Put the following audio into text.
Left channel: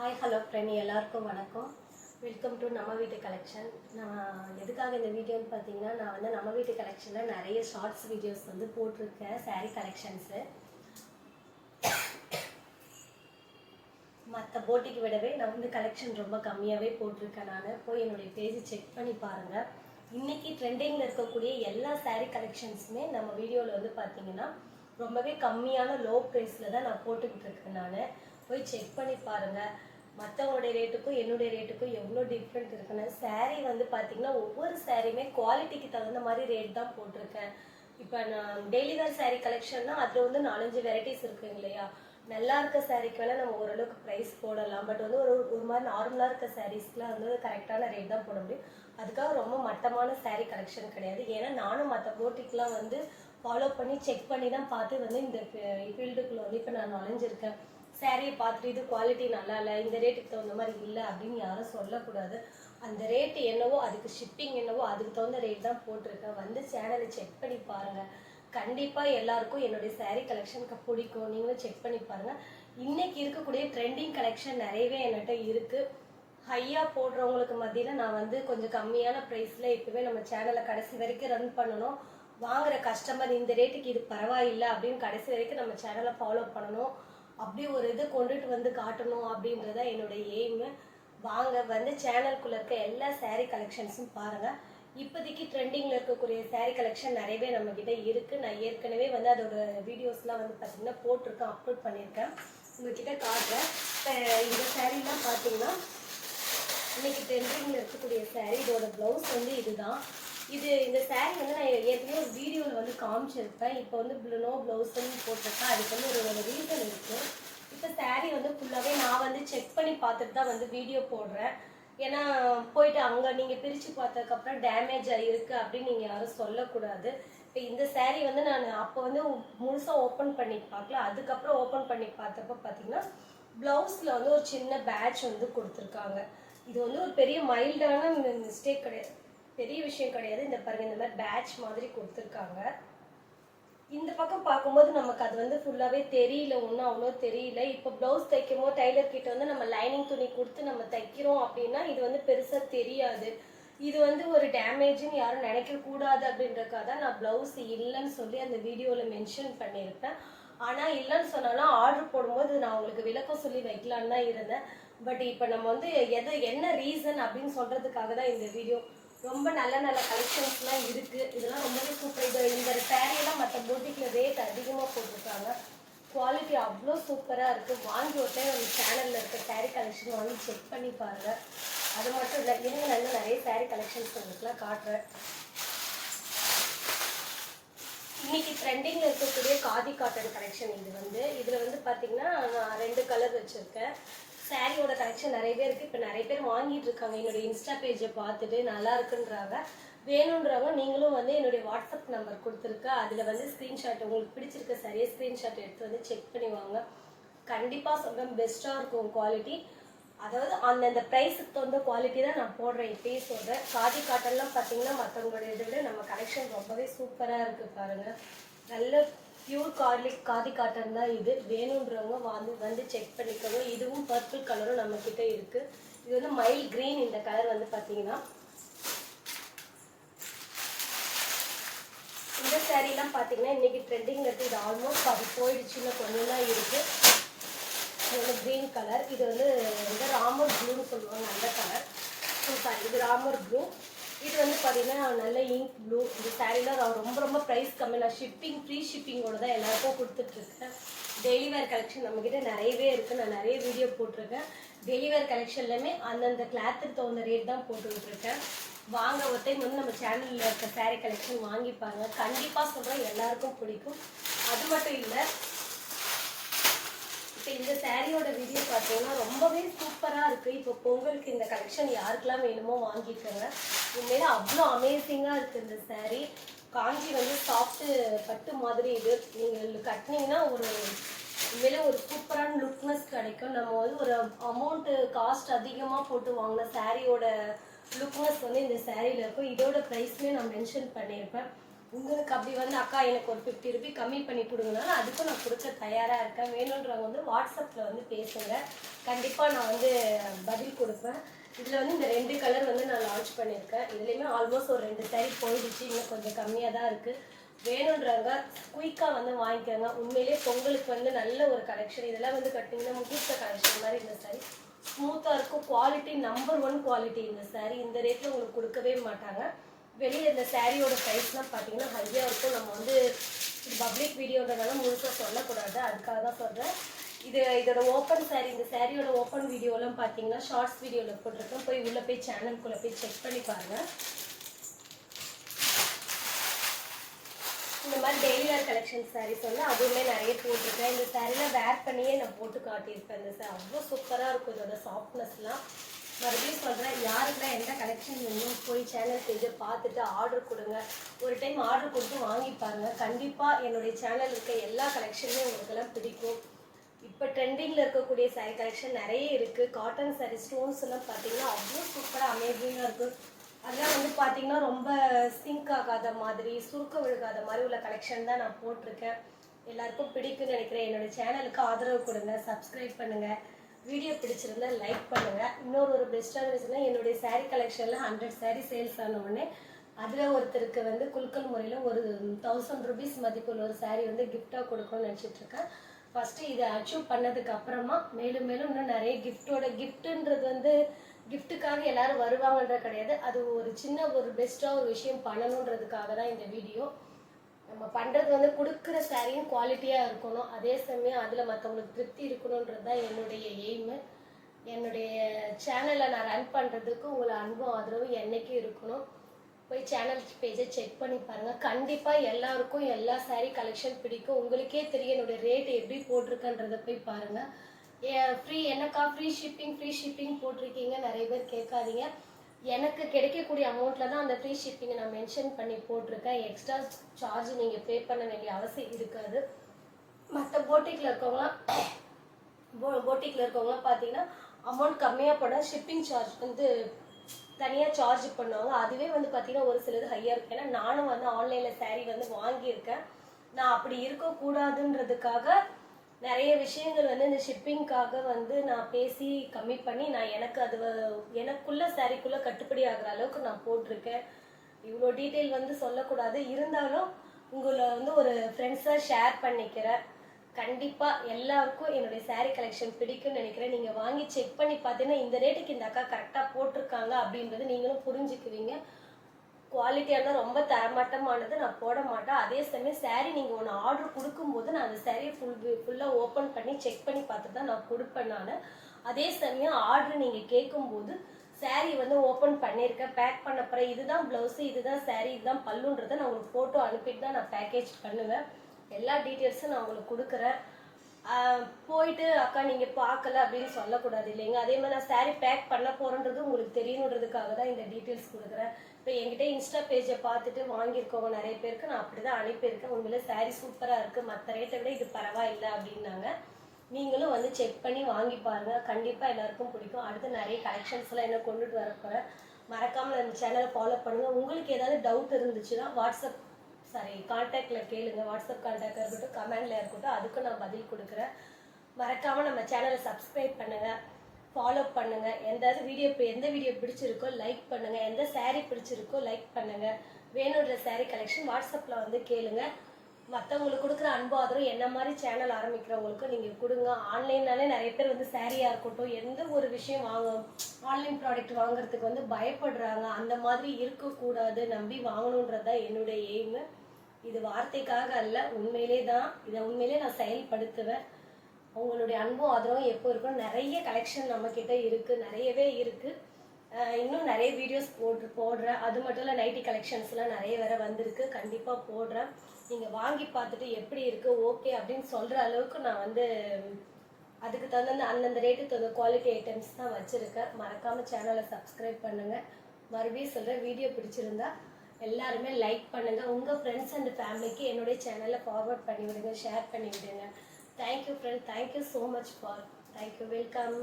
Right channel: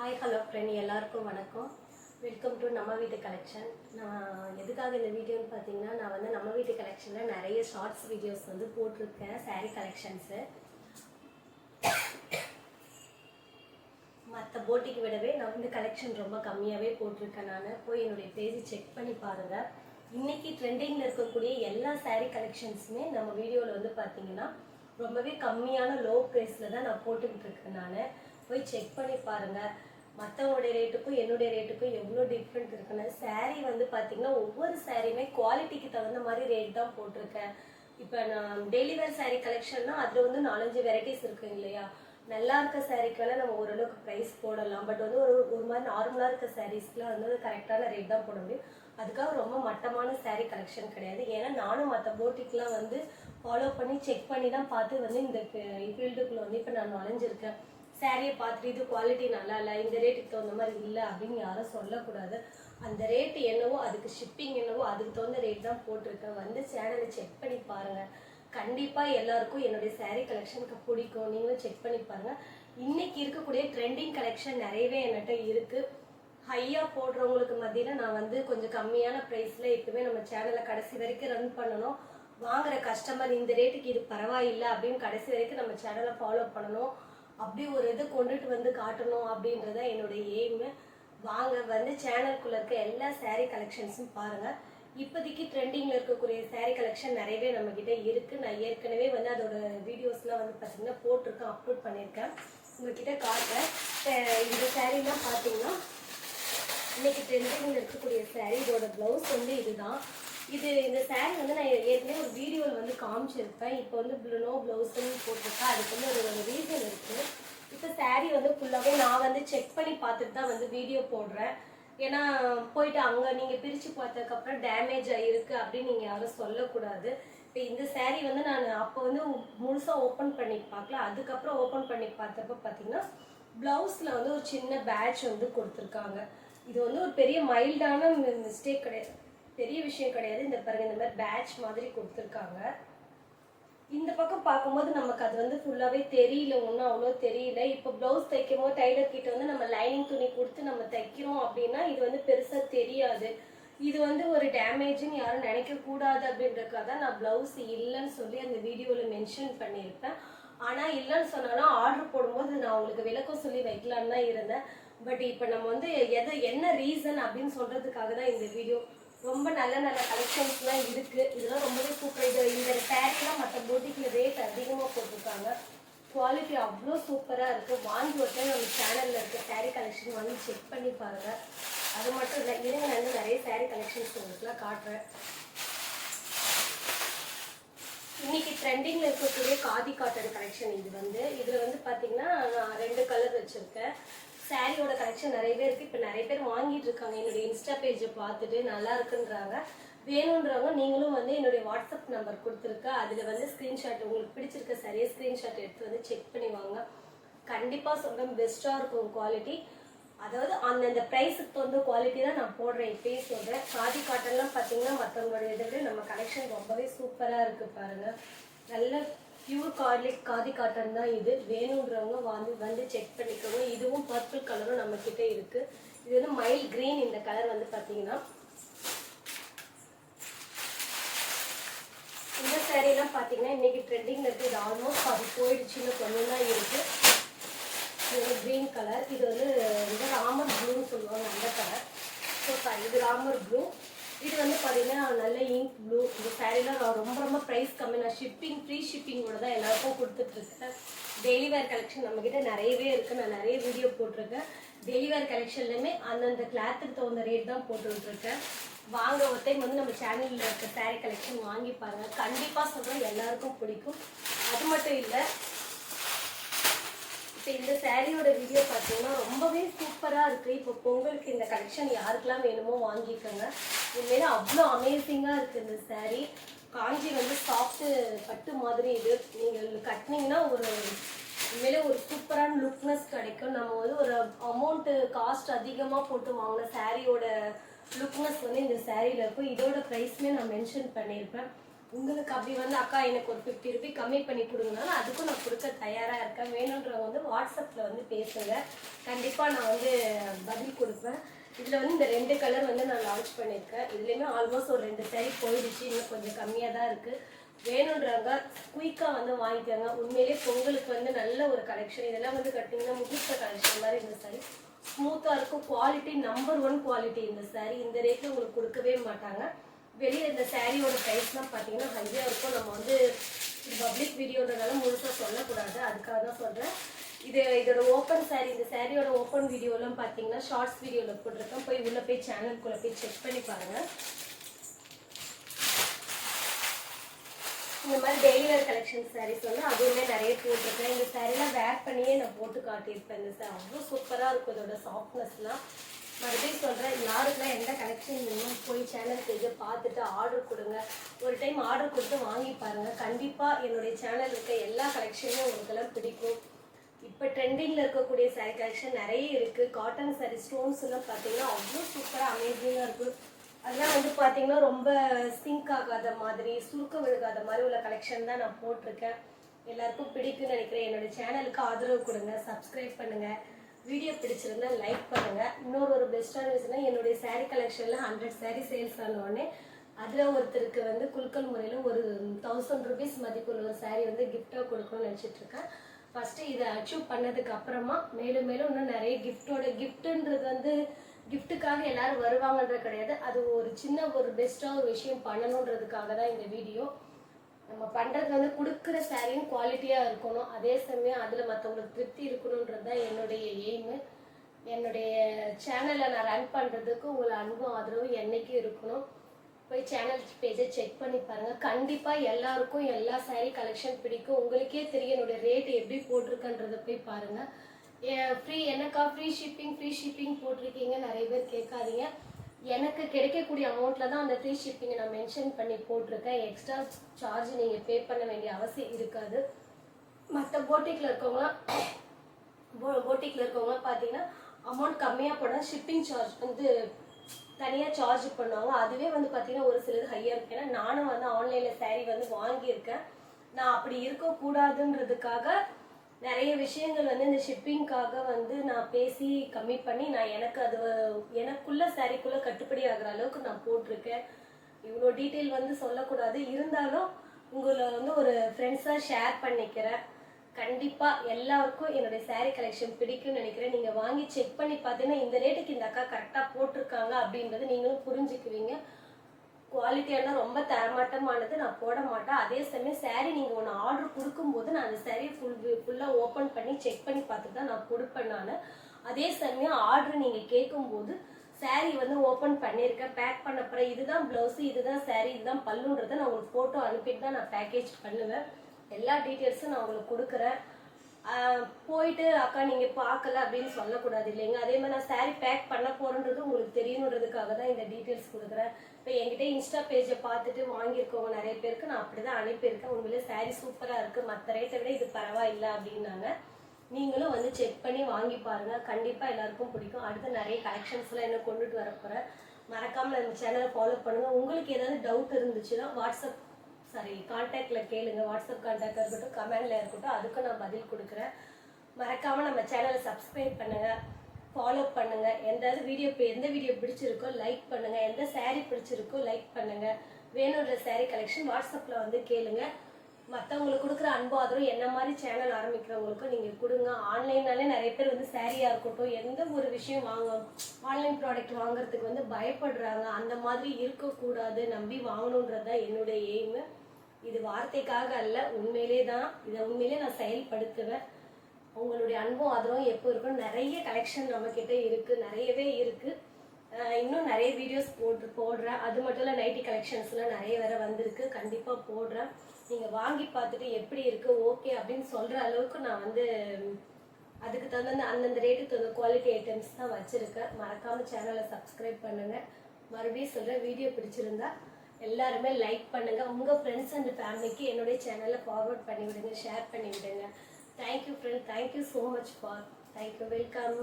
Hi hello friend எல்லாருக்கும் வணக்கம். Welcome to நம்ம வீட்டு கலெக்ஷன். நான் எதுக்காக இந்த வீடியோன்னு பார்த்தீங்கன்னா, நான் வந்து நம்ம வீட்டு கலெக்ஷனில் நிறைய ஷார்ட்ஸ் வீடியோஸ் வந்து போட்டிருக்கேன். சாரீ கலெக்ஷன்ஸு மற்ற போட்டிக்கு விடவே நான் வந்து கலெக்ஷன் ரொம்ப கம்மியாகவே போட்டிருக்கேன். நான் போய் என்னுடைய பேஜை செக் பண்ணி பாருங்கள். இன்றைக்கி ட்ரெண்டிங்கில் இருக்கக்கூடிய எல்லா சாரீ கலெக்ஷன்ஸுமே நம்ம வீடியோவில் வந்து பார்த்தீங்கன்னா ரொம்பவே கம்மியான லோ ப்ரைஸில் தான் நான் போட்டுக்கிட்டு இருக்கேன். நான் போய் செக் பண்ணி பாருங்கள். மற்றவங்களுடைய ரேட்டுக்கும் என்னுடைய ரேட்டுக்கும் எவ்வளோ டிஃப்ரெண்ட் இருக்குன்னு. சாரீ வந்து பார்த்தீங்கன்னா ஒவ்வொரு சாரியுமே குவாலிட்டிக்கு தகுந்த மாதிரி ரேட் தான் போட்டிருக்கேன். இப்போ நான் டெய்லி வேர் சாரீ கலெக்ஷன்னா அதில் வந்து 4-5 வெரைட்டிஸ் இருக்குங்க இல்லையா. நல்லா இருக்க சாரீக்கு வேணால் நம்ம ஓரளவுக்கு ப்ரைஸ் போடலாம். பட் வந்து ஒரு மாதிரி நார்மலாக இருக்க சாரீஸ்க்குலாம் வந்து கரெக்டான ரேட் தான் போட முடியும். அதுக்காக ரொம்ப மட்டமான சாரீ கலெக்ஷன் கிடையாது. ஏன்னா நானும் மற்ற போட்டிக்கெலாம் வந்து ஃபாலோ பண்ணி செக் பண்ணி தான் பார்த்து வந்து இந்த ஃபீல்டுக்குள்ளே வந்து இப்போ நான் நுழைஞ்சிருக்கேன். சாரியை பார்த்துட்டு இது குவாலிட்டி நல்லா இல்லை, இந்த ரேட்டுக்கு தகுந்த மாதிரி இல்லை அப்படின்னு யாரும் சொல்லக்கூடாது. அந்த ரேட்டு என்னவோ, அதுக்கு ஷிப்பிங் என்னவோ, அதுக்கு தகுந்த ரேட் தான் போட்டிருக்கேன். வந்து சேனலை செக் பண்ணி பாருங்கள். கண்டிப்பாக எல்லாருக்கும் என்னுடைய சாரீ கலெக்ஷனுக்கு பிடிக்கும். நீங்களும் செக் பண்ணி பாருங்கள். இன்னைக்கு இருக்கக்கூடிய ட்ரெண்டிங் கலெக்ஷன் நிறையவே என்கிட்ட இருக்குது. ஹையாக போடுறவங்களுக்கு மத்தியில் நான் வந்து கொஞ்சம் கம்மியான ப்ரைஸில் இப்போவே நம்ம சேனலை கடைசி வரைக்கும் ரன் பண்ணணும். வாங்குகிற கஸ்டமர் இந்த ரேட்டுக்கு இது பரவாயில்லை அப்படின்னு கடைசி வரைக்கும் நம்ம சேனலை ஃபாலோ பண்ணணும். அப்படி ஒரு இது கொண்டுட்டு வந்து காட்டணும் அப்படின்றத என்னுடைய எய்மு. வாங்க வந்து சேனலுக்குள்ளே இருக்க எல்லா சாரீ கலெக்ஷன்ஸும் பாருங்கள். இப்போதைக்கு ட்ரெண்டிங்கில் இருக்கக்கூடிய சாரீ கலெக்ஷன் நிறையவே நம்மக்கிட்ட இருக்குது. நான் ஏற்கனவே வந்து அதோட வீடியோஸ்லாம் வந்து பார்த்திங்கன்னா போட்டிருக்கேன், அப்லோட் பண்ணியிருக்கேன். உங்கள்கிட்ட காட்டுறேன். இந்த சாரீலாம் பார்த்தீங்கன்னா இன்றைக்கி ட்ரெண்டிங்கில் இருக்கக்கூடிய சாரீ. இதோட ப்ளவுஸ் வந்து இதுதான். இந்த சாரீ வந்து நான் ஏற்கனவே ஒரு வீடியோவில் வந்து காமிச்சிருப்பேன். இப்போ வந்து நோ ப்ளவுஸ்ன்னு போட்டிருக்கேன். அதுக்கு வந்து ஒரு ரீசன் இருக்குது. இப்போ சாரீ வந்து ஃபுல்லாகவே நான் வந்து செக் பண்ணி பார்த்துட்டு தான் வந்து வீடியோ போடுறேன். ஏன்னா போயிட்டு அங்கே நீங்கள் பிரித்து பார்த்ததுக்கப்புறம் டேமேஜ் ஆகிருக்கு அப்படின்னு நீங்கள் யாரும் சொல்லக்கூடாது. இப்போ இந்த சாரீ வந்து நான் அப்போ வந்து முழுசாக ஓப்பன் பண்ணி பார்க்கல. அதுக்கப்புறம் ஓப்பன் பண்ணி பார்த்தப்போ பார்த்தீங்கன்னா ப்ளவுஸில் வந்து ஒரு சின்ன பேட்ச் வந்து கொடுத்துருக்காங்க. இது வந்து ஒரு பெரிய மைல்டான மிஸ்டேக் கிடையாது, பெரிய விஷயம் கிடையாது. இந்த பாருங்க, இந்த மாதிரி பேட்ச் மாதிரி கொடுத்துருக்காங்க. இந்த பக்கம் பார்க்கும்போது நமக்கு அது வந்து ஃபுல்லாகவே தெரியல, ஒன்றும் அவ்வளோ தெரியல. இப்போ ப்ளவுஸ் தைக்கும் போது டைலர் கிட்ட வந்து நம்ம லைனிங் துணி கொடுத்து நம்ம தைக்கிறோம் அப்படின்னா இது வந்து பெருசாக தெரியாது. இது வந்து ஒரு டேமேஜ்னு யாரும் நினைக்கக்கூடாது அப்படின்றக்காக தான் நான் ப்ளவுஸ் இல்லைன்னு சொல்லி அந்த வீடியோவில் மென்ஷன் பண்ணியிருப்பேன். ஆனால் இல்லைன்னு சொன்னாலும் ஆர்டர் போடும்போது நான் உங்களுக்கு விளக்கம் சொல்லி வைக்கலான்னு தான் இருந்தேன். பட் இப்போ நம்ம வந்து என்ன ரீசன் அப்படின்னு சொல்கிறதுக்காக தான் இந்த வீடியோ. ரொம்ப நல்ல நல்ல கலெக்ஷன்ஸ்லாம் இருக்குது. இதெல்லாம் ரொம்பவே சூப்பர். இந்த சாரீலாம் மற்ற போட்டிக்கு ரேட் அதிகமாக போட்டிருக்காங்க. குவாலிட்டி அவ்வளோ சூப்பராக இருக்குது. வாங்கி ஒருத்தர் நம்ம சேனலில் இருக்க சாரீ கலெக்ஷன் வாங்கி செக் பண்ணி பாருங்கள். அது மட்டும் இல்லை, இன்னும் நல்ல நிறைய சாரீ கலெக்ஷன்ஸ் உங்களுக்குலாம் காட்டுறேன். இன்னைக்கு ட்ரெண்டிங்கில் இருக்கக்கூடிய காதி காட்டன் கலெக்ஷன். இதில் வந்து பார்த்தீங்கன்னா நான் 2 கலர் வச்சுருக்கேன். சாரியோட கலெக்ஷன் நிறைய பேர் இருக்குது. இப்போ நிறைய பேர் வாங்கிட்டு இருக்காங்க. என்னுடைய இன்ஸ்டா பேஜை பார்த்துட்டு நல்லா இருக்குன்றாங்க. வேணுன்றவங்க நீங்களும் வந்து என்னுடைய வாட்ஸ்அப் நம்பர் கொடுத்துருக்கேன். அதில் வந்து ஸ்க்ரீன்ஷாட் உங்களுக்கு பிடிச்சிருக்க சரியா ஸ்க்ரீன்ஷாட் எடுத்து வந்து செக் பண்ணி வாங்க. கண்டிப்பாக சொல்கிறேன், பெஸ்ட்டாக இருக்கும் குவாலிட்டி. அதாவது அந்த ப்ரைஸுக்கு தகுந்த குவாலிட்டி தான் நான் போடுறேன். இப்பயே சொல்கிறேன். காதி காட்டன்லாம் பார்த்தீங்கன்னா மற்றவங்களுடைய இதை விட நம்ம கலெக்ஷன் ரொம்பவே சூப்பராக இருக்குது பாருங்கள். நல்ல பியூர் காதி காட்டன் தான் இது. வேணுன்றவங்க வந்து செக் பண்ணிக்கோங்க. இதுவும் பர்பிள் கலரும் நம்ம கிட்ட இருக்கு. இது வந்து மைல் கிரீன். இந்த கலர் வந்து பார்த்தீங்கன்னா இந்த சாரீலாம் பார்த்தீங்கன்னா இன்னைக்கு ட்ரெண்டிங்ல இருக்கு. இது ஆல்மோஸ்ட் அது போயிடுச்சுன்னு கொஞ்சம் தான் இருக்கு. இது கிரீன் கலர். இது வந்து ராமர் ப்ளூன்னு சொல்லுவாங்க, அந்த கலர். ஸோ சாரி, இது ராமர் ப்ளூ. இது வந்து பார்த்தீங்கன்னா நல்ல இங்க் ப்ளூ. இந்த சாரீலாம் ரொம்ப ரொம்ப ப்ரைஸ் கம்மி. நான் ஃப்ரீ ஷிப்பிங்கோட தான் எல்லாருக்கும் கொடுத்துட்ருக்கேன். டெய்லி வேர் கலெக்ஷன் நம்மக்கிட்ட நிறையவே இருக்குது. நான் நிறைய வீடியோ போட்டிருக்கேன். டெய்லி வேர் கலெக்ஷன்லையுமே அந்தந்த கிளாத்துக்கு தகுந்த ரேட் தான் போட்டுட்ருக்கேன். வாங்க ஒரு டைம் வந்து நம்ம சேனலில் இருக்க சாரீ கலெக்ஷன் வாங்கி பாருங்கள். கண்டிப்பாக சொல்கிறேன், எல்லாருக்கும் பிடிக்கும். அது மட்டும் இல்லை, இப்போ இந்த சாரியோட வீடியோ பார்த்தீங்கன்னா ரொம்பவே சூப்பராக இருக்குது. இப்போ பொங்கலுக்கு இந்த கலெக்ஷன் யாருக்கெல்லாம் வேணுமோ வாங்கிக்கோங்க. உண்மையில அவ்வளோ அமேசிங்காக இருக்குது இந்த சாரீ. காஞ்சி வந்து சாஃப்ட்டு பட்டு மாதிரி. இது நீங்கள் கட்டினீங்கன்னா உண்மையில ஒரு சூப்பரான லுக்னஸ் கிடைக்கும். நம்ம வந்து ஒரு அமௌண்ட்டு காஸ்ட் அதிகமாக போட்டு வாங்கின சாரியோட லுக்னஸ் வந்து இந்த சாரியில் இருக்கும். இதோட ப்ரைஸ்லேயே நான் மென்ஷன் பண்ணியிருப்பேன். உங்களுக்கு அப்படி வந்து அக்கா எனக்கு ஒரு 50 ரூபி கம்மி பண்ணி கொடுங்கனாலும் அதுக்கும் நான் கொடுக்க தயாராக இருக்கேன். வேணுன்றவங்க வந்து வாட்ஸ்அப்பில் வந்து பேசுங்க, கண்டிப்பாக நான் வந்து பதில் கொடுப்பேன். இதில் வந்து இந்த 2 கலர் வந்து நான் லான்ச் பண்ணியிருக்கேன். இதுலேயுமே ஆல்மோஸ்ட் ஒரு 2 சாரி போயிடுச்சு, இன்னும் கொஞ்சம் கம்மியாக தான் இருக்குது. வேணுன்றவங்க குயிக்காக வந்து வாங்கிக்கோங்க. உண்மையிலேயே பொங்கலுக்கு வந்து நல்ல ஒரு கலெக்ஷன். இதெல்லாம் வந்து கட்டிங்கன்னா முகூர்த்த கலெக்ஷன் மாதிரி இந்த சாரி ஸ்மூத்தாக இருக்கும். Quality number 1 quality. இந்த சாரி இந்த ரேட்டில் உங்களுக்கு கொடுக்கவே மாட்டாங்க. வெளியில் இந்த சாரியோட ப்ரைஸ்லாம் பார்த்தீங்கன்னா ஹையாக இருக்கும். நம்ம வந்து பப்ளிக் வீடியோன்றதால முழுசாக சொல்லக்கூடாது, அதுக்காக தான் சொல்கிறேன். இதோட ஓப்பன் சாரி, இந்த சாரியோட ஓப்பன் வீடியோலாம் பார்த்தீங்கன்னா ஷார்ட்ஸ் வீடியோவில் போட்டிருக்கேன். போய் உள்ளே போய் சேனலுக்குள்ளே போய் செக் பண்ணி பாருங்கள். இந்த மாதிரி டெய்லி வேர் கலெக்ஷன் சாரீஸ் வந்து அதுவுமே நிறைய போட்டிருக்கேன். இந்த சாரீலாம் வேர் பண்ணியே நான் போட்டு காட்டியிருப்பேன். இந்த சாரி அவ்வளோ சூப்பராக இருக்கும். இதோட சாஃப்ட்னஸ்லாம் மறுபடியும் சொல்கிறேன், யாருக்குலாம் எந்த கலெக்ஷன் வேணும் போய் சேனல் பேஜை பார்த்துட்டு ஆர்டர் கொடுங்க. ஒரு டைம் ஆர்டர் கொடுத்து வாங்கி பாருங்கள். கண்டிப்பாக என்னுடைய சேனல் இருக்க எல்லா கலெக்ஷனுமே உங்களுக்கெல்லாம் பிடிக்கும். இப்போ ட்ரெண்டிங்கில் இருக்கக்கூடிய சாரீ கலெக்ஷன் நிறைய இருக்குது. காட்டன் சாரீ ஸ்டோன்ஸ்லாம் பார்த்தீங்கன்னா அவ்வளோ சூப்பராக அமேசிங்காக இருக்குது. அதெல்லாம் வந்து பார்த்தீங்கன்னா ரொம்ப சிங்க் ஆகாத மாதிரி, சுருக்க விழுகாத மாதிரி உள்ள கலெக்ஷன் தான் நான் போட்டிருக்கேன். எல்லாருக்கும் பிடிக்குன்னு நினைக்கிறேன். என்னோடய சேனலுக்கு ஆதரவு கொடுங்க, சப்ஸ்கிரைப் பண்ணுங்கள். வீடியோ பிடிச்சிருந்தா லைக் பண்ணுங்கள். இன்னொரு பெஸ்ட்டான விஷயம்னா என்னுடைய சாரீ கலெக்ஷனில் 100 சாரீ சேல்ஸ் ஆன உடனே அதில் ஒருத்தருக்கு வந்து குலுக்கல் முறையில் ஒரு 1000 ரூபீஸ் மதிப்புள்ள ஒரு சாரீ வந்து கிஃப்டாக கொடுக்கணும்னு நினச்சிட்ருக்கேன். ஃபஸ்ட்டு இதை அச்சீவ் பண்ணதுக்கு அப்புறமா மேலும் மேலும் இன்னும் நிறைய கிஃப்ட்டுன்றது வந்து கிஃப்ட்டுக்காக எல்லாரும் வருவாங்கன்றது கிடையாது. அது ஒரு சின்ன ஒரு பெஸ்ட்டாக ஒரு விஷயம் பண்ணணுன்றதுக்காக தான் இந்த வீடியோ. நம்ம பண்ணுறது வந்து கொடுக்குற சாரியும் குவாலிட்டியாக இருக்கணும், அதே சமயம் அதில் மற்றவங்களுக்கு திருப்தி இருக்கணுன்றது தான் என்னுடைய எய்மு. என்னுடைய சேனலை நான் ரன் பண்ணுறதுக்கு உங்களை அன்பும் ஆதரவும் என்றைக்கும் இருக்கணும். போய் சேனல் பேஜை செக் பண்ணி பாருங்கள். கண்டிப்பாக எல்லாருக்கும் எல்லா சாரீ கலெக்ஷன் பிடிக்கும். உங்களுக்கே தெரியும் என்னுடைய ரேட் எப்படி போட்டிருக்கன்றதை போய் பாருங்கள். ஃப்ரீ என்னக்கா ஃப்ரீ ஷிப்பிங் போட்டிருக்கீங்க நிறைய பேர் கேட்காதீங்க. எனக்கு கிடைக்கக்கூடிய அமௌண்ட்டில் தான் அந்த ஃப்ரீ ஷிப்பிங்கை நான் மென்ஷன் பண்ணி போட்டிருக்கேன். எக்ஸ்ட்ரா சார்ஜ் நீங்கள் பே பண்ண வேண்டிய அவசியம் இருக்காது. மற்ற போட்டிக்கில் இருக்கவங்களாம் பார்த்தீங்கன்னா அமௌண்ட் கம்மியாக போனால் ஷிப்பிங் சார்ஜ் வந்து தனியாக சார்ஜ் பண்ணுவாங்க. அதுவே வந்து பார்த்தீங்கன்னா ஒரு சிலது ஹையாக இருக்குது. ஏன்னா நானும் வந்து ஆன்லைனில் சாரீ வந்து வாங்கியிருக்கேன். நான் அப்படி இருக்கக்கூடாதுன்றதுக்காக நிறைய விஷயங்கள் வந்து இந்த ஷிப்பிங்காக வந்து நான் பேசி கம்மி பண்ணி நான் எனக்குள்ள சாரிக்குள்ளே கட்டுப்படி ஆகிற அளவுக்கு நான் போட்டிருக்கேன். இவ்வளோ டீட்டெயில் வந்து சொல்லக்கூடாது, இருந்தாலும் உங்களை வந்து ஒரு ஃப்ரெண்ட்ஸாக ஷேர் பண்ணிக்கிறேன். கண்டிப்பாக எல்லாருக்கும் என்னுடைய சாரீ கலெக்ஷன் பிடிக்கும்னு நினைக்கிறேன். நீங்கள் வாங்கி செக் பண்ணி பார்த்தீங்கன்னா இந்த ரேட்டுக்கு இந்த அக்கா கரெக்டாக போட்டிருக்காங்க அப்படின்றது நீங்களும் புரிஞ்சுக்குவீங்க. குவாலிட்டியாக இருந்தால் ரொம்ப தரமாட்டமானது நான் போட மாட்டேன். அதே சமயம் சாரீ நீங்கள் ஒன்று ஆர்டர் கொடுக்கும்போது நான் அந்த சாரியை ஃபுல்லாக ஓப்பன் பண்ணி செக் பண்ணி பார்த்துட்டு தான் நான் கொடுப்பேன். நான் அதே சமயம் ஆர்டர் நீங்கள் கேட்கும்போது சாரீ வந்து ஓப்பன் பண்ணியிருக்கேன், பேக் பண்ண போகிறேன், இதுதான் ப்ளவுஸு, இதுதான் சாரீ, இதுதான் பல்லுன்றதை நான் உங்களுக்கு ஃபோட்டோ அனுப்பிட்டு தான் நான் பேக்கேஜ் பண்ணுவேன். எல்லா டீட்டெயில்ஸும் நான் உங்களுக்கு கொடுக்குறேன். போயிட்டு அக்கா நீங்கள் பார்க்கல அப்படின்னு சொல்லக்கூடாது இல்லைங்க. அதே மாதிரி நான் சாரீ பேக் பண்ண போகிறேன்றது உங்களுக்கு தெரியணுன்றதுக்காக தான் இந்த டீட்டெயில்ஸ் கொடுக்குறேன். இப்போ என்கிட்ட இன்ஸ்டா பேஜை பார்த்துட்டு வாங்கியிருக்கவங்க நிறைய பேருக்கு நான் அப்படி தான் அனுப்பியிருக்கேன். உண்மையிலே சாரீ சூப்பராக இருக்குது, மற்ற ரேட்டை விட இது பரவாயில்லை அப்படின்னாங்க. நீங்களும் வந்து செக் பண்ணி வாங்கி பாருங்கள், கண்டிப்பாக எல்லாருக்கும் பிடிக்கும். அடுத்து நிறைய கலெக்ஷன்ஸ்லாம் என்ன கொண்டுட்டு வர போகிறேன். மறக்காமல் இந்த சேனலை ஃபாலோ பண்ணுங்கள். உங்களுக்கு ஏதாவது டவுட் இருந்துச்சுன்னா கான்டாக்டில் கேளுங்க. வாட்ஸ்அப் கான்டாக்டாக இருக்கட்டும், கமெண்டில் இருக்கட்டும், அதுக்கும் நான் பதில் கொடுக்குறேன். மறக்காமல் நம்ம சேனலை சப்ஸ்கிரைப் பண்ணுங்கள், ஃபாலோ பண்ணுங்கள். எந்த வீடியோ பிடிச்சிருக்கோ லைக் பண்ணுங்கள், எந்த சாரீ பிடிச்சிருக்கோ லைக் பண்ணுங்கள். வேணுன்ற சாரீ கலெக்ஷன் வாட்ஸ்அப்பில் வந்து கேளுங்க. மற்றவங்களுக்கு கொடுக்குற அன்பு ஆதரவு என்ன மாதிரி சேனல் ஆரம்பிக்கிறவங்களுக்கும் நீங்கள் கொடுங்க. ஆன்லைன்னாலே நிறைய பேர் வந்து சாரியாக இருக்கட்டும், எந்த ஒரு விஷயம் ஆன்லைன் ப்ராடக்ட் வாங்குறதுக்கு வந்து பயப்படுறாங்க. அந்த மாதிரி இருக்கக்கூடாது, நம்பி வாங்கணுன்றது தான் என்னுடைய எய்மு. இது வார்த்தைக்காக அல்ல, உண்மையிலே தான். இதை உண்மையிலே நான் செயல்படுத்துவேன். உங்களுடைய அன்பும் ஆதரவும் எப்போ இருக்கணும். நிறைய கலெக்ஷன் நம்மக்கிட்ட இருக்குது, நிறையவே இருக்குது. இன்னும் நிறைய வீடியோஸ் போடுறேன். அது மட்டும் இல்லை, நைட்டி கலெக்ஷன்ஸ்லாம் நிறைய வேற வந்திருக்கு, கண்டிப்பாக போடுறேன். நீங்கள் வாங்கி பார்த்துட்டு எப்படி இருக்குது ஓகே அப்படின்னு சொல்கிற அளவுக்கு நான் வந்து அதுக்கு தகுந்த அந்தந்த ரேட்டுக்கு தகுந்த குவாலிட்டி ஐட்டம்ஸ் தான் வச்சுருக்கேன். மறக்காமல் சேனலை சப்ஸ்கிரைப் பண்ணுங்கள். மறுபடியும் சொல்கிறேன், வீடியோ பிடிச்சிருந்தா எல்லாருமே லைக் பண்ணுங்கள். உங்கள் ஃப்ரெண்ட்ஸ் அண்ட் ஃபேமிலிக்கு என்னுடைய சேனலை ஃபார்வர்ட் பண்ணி விடுங்க, ஷேர் பண்ணி விடுங்க. Thank you friend, thank you so much for, thank you, welcome.